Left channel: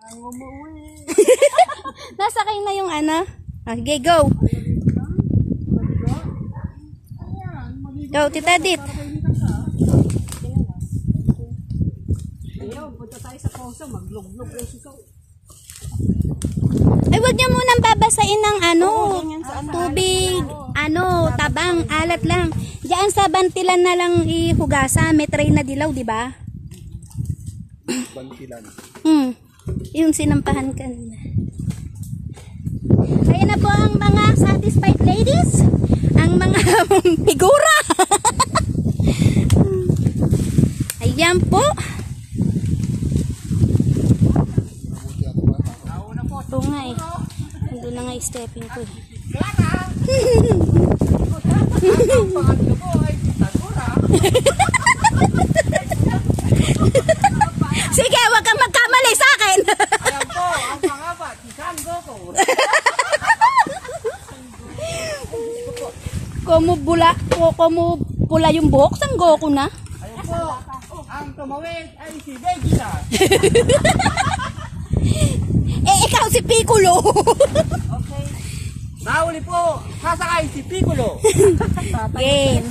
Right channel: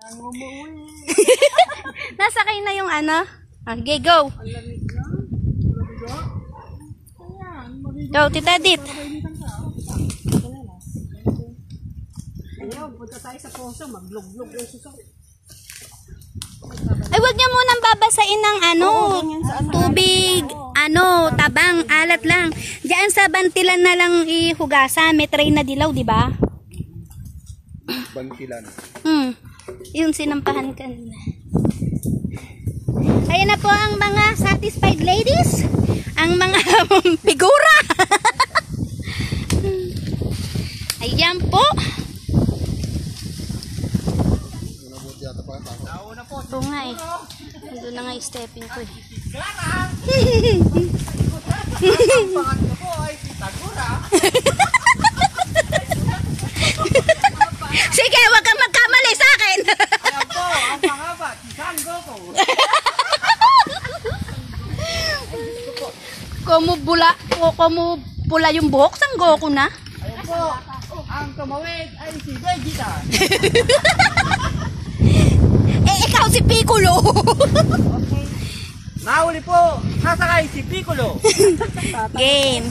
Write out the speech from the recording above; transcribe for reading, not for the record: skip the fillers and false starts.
Ang umuwi. Nasakay na yung ano. Okay, go. Go, Tita Dit. Ayun, punta tayo sa poso. Maglog-log yung suso. Ay, wag niyo munang babasain ng ano, tubig, ano, tabang, alat lang. Diyan sa bantilan na lang ihugasa. May tray na dilaw, di ba? Bantilan. Yung sinampahan kanina. Ayan na po ang mga satisfied ladies. Ang mga figura. Ayan po. Oo nga eh. Doon na nga yung stepping ko eh. Pangatlo po ay Pitagora. Sige, wag kang magkamali sa akin. Ayan po, ang pangaba, Kisango ko. Kumu pula yung buhok, sanggo ko na. Ayan po, ang tumawid ay si Vegeta. Eh, ikaw si Piccolo. Okay. Nahuli po, nasakay si Piccolo. Game.